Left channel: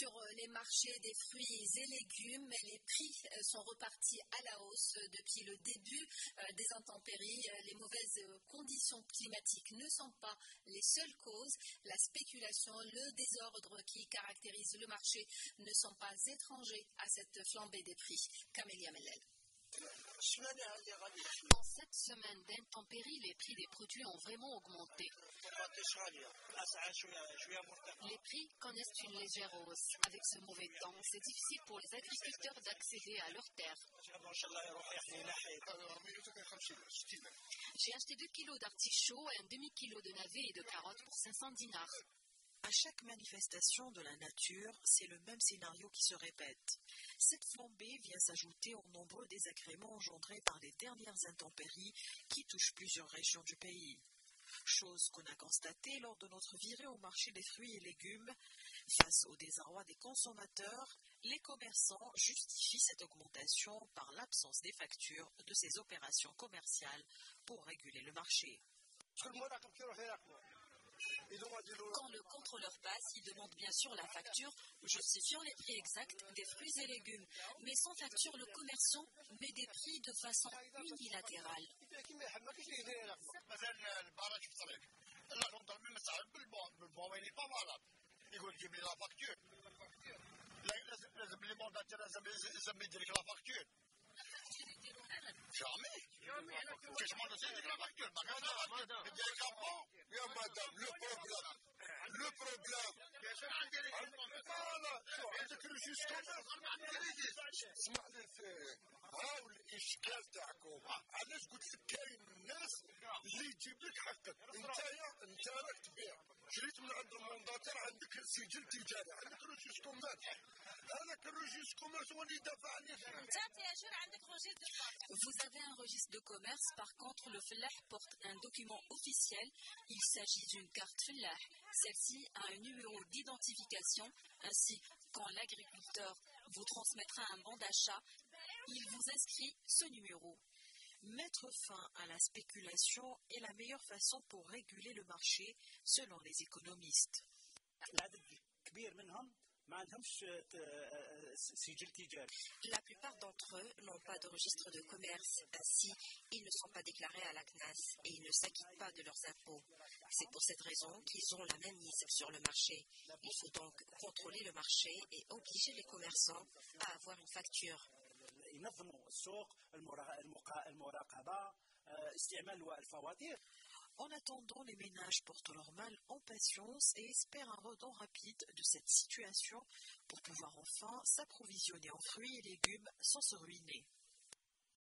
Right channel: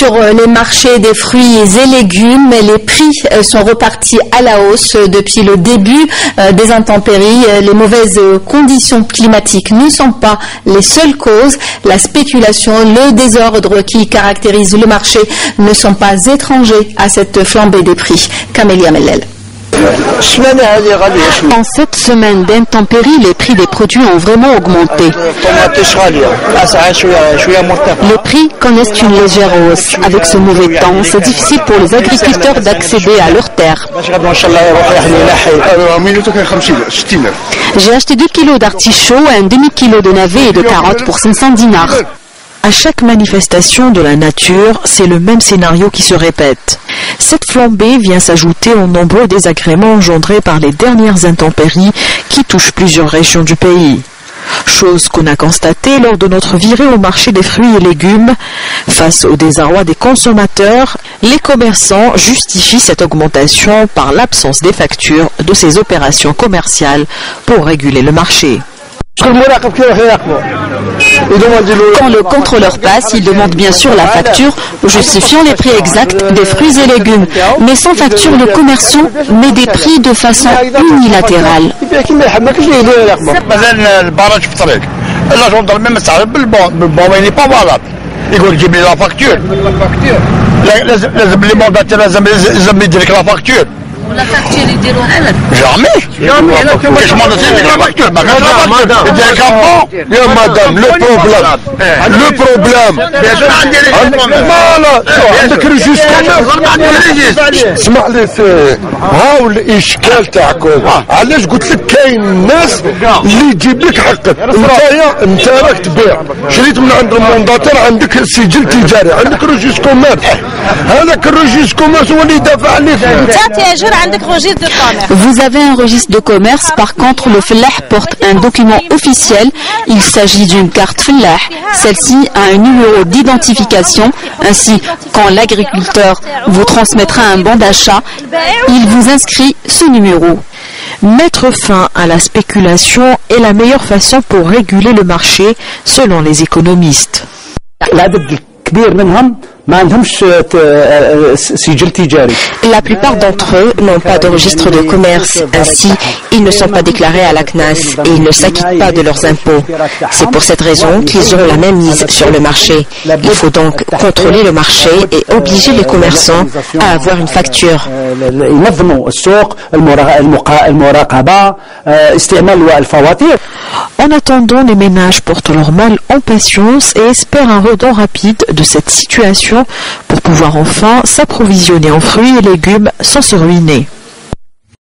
Sur les marchés des fruits et légumes, les prix sont repartis à la hausse depuis le début des intempéries. Les mauvaises conditions climatiques ne sont pas les seules causes. La spéculation, le désordre qui caractérise le marché ne sont pas étrangers à cette flambée des prix. Camélia Mellel. En cette semaine d'intempéries, les prix des produits ont vraiment augmenté. Les prix connaissent une légère hausse. Avec ce mauvais temps, c'est difficile pour les agriculteurs d'accéder à leurs terres. J'ai acheté 2 kilos d'artichauts, un demi-kilo de navets et de carottes pour 500 dinars. À chaque manifestation de la nature, c'est le même scénario qui se répète. Cette flambée vient s'ajouter aux nombreux désagréments engendrés par les dernières intempéries qui touchent plusieurs régions du pays. Chose qu'on a constatée lors de notre virée au marché des fruits et légumes. Face au désarroi des consommateurs, les commerçants justifient cette augmentation par l'absence des factures de ces opérations commerciales pour réguler le marché. Quand le contrôleur passe, il demande bien sûr la facture, justifiant les prix exacts des fruits et légumes. Mais sans facture, le commerçant met des prix de façon unilatérale. La facture, ils diront jamais. Madame, le problème. عندك ريجيست اسمع لي هاو الاشكال تاعكم علاش قلت لك كاين الناس اللي تجيب لك حقك انت راك تبيع شريت من عند المونداتور عندك سجل تجاري عندك ريجيست كوميرس هذاك الريجيست كوميرس هو اللي يدافع عليك. Vous avez un registre de commerce, par contre le fellah porte un document officiel. Il s'agit d'une carte fellah. Celle-ci a un numéro d'identification. Ainsi, quand l'agriculteur vous transmettra un bon d'achat, il vous inscrit ce numéro. Mettre fin à la spéculation est la meilleure façon pour réguler le marché, selon les économistes. La plupart d'entre eux n'ont pas de registre de commerce. Ainsi, ils ne sont pas déclarés à la CNAS et ils ne s'acquittent pas de leurs impôts. C'est pour cette raison qu'ils ont la même mise sur le marché. Il faut donc contrôler le marché et obliger les commerçants à avoir une facture. En attendant, les ménages portent leur mal en patience et espèrent un redon rapide de cette situation pour pouvoir enfin s'approvisionner en fruits et légumes sans se ruiner.